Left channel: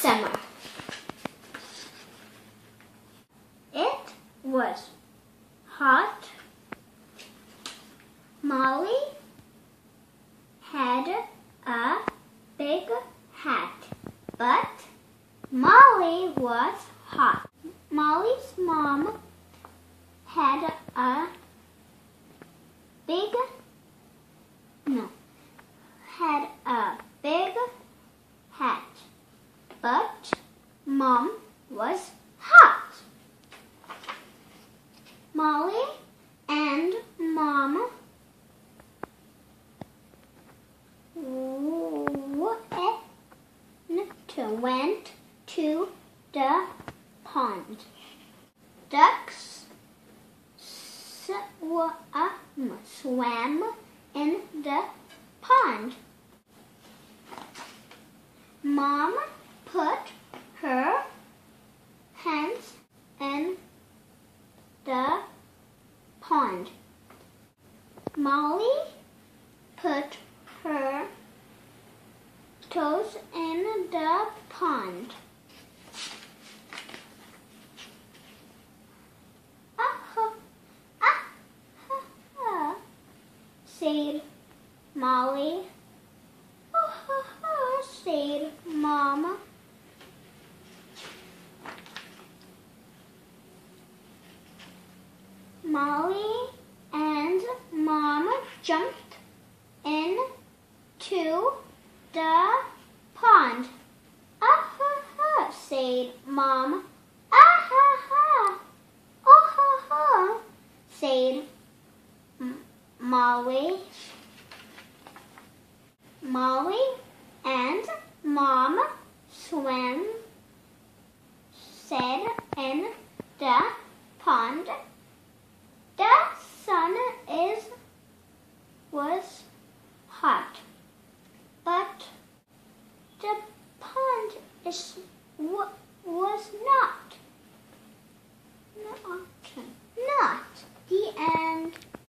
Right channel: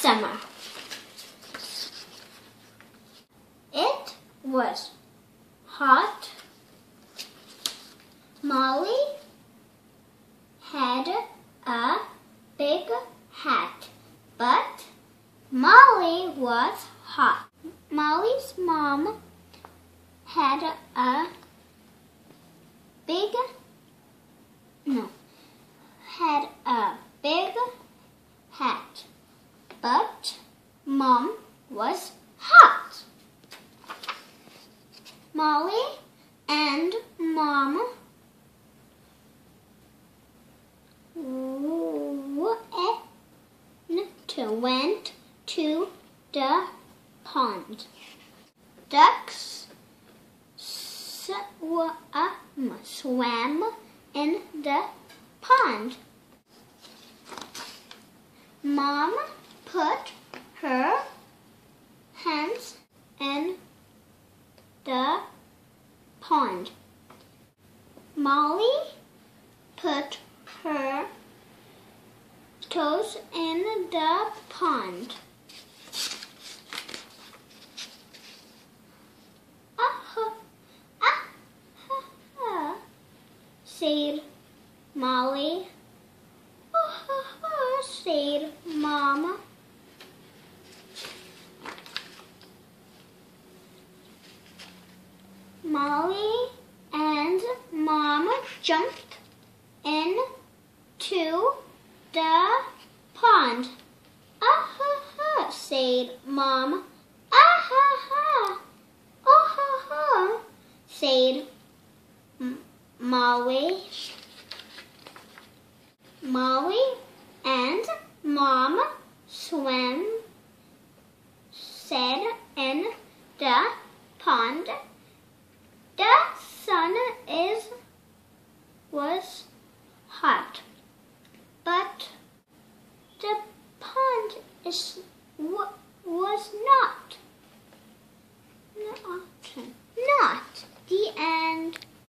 summer. It was hot. Molly had a big hat, but Molly was hot. Molly's mom had a big hat, but Mom was hot. Molly and Mom went to the pond. Ducks swam in the pond. Mom put her hands in the pond. Molly put her toes in the pond. Said Molly. Said Mom. Molly and Mom jumped into the pond. Said Mom. Said Molly. Molly and Mom said in the pond. The sun was hot, but the pond was not.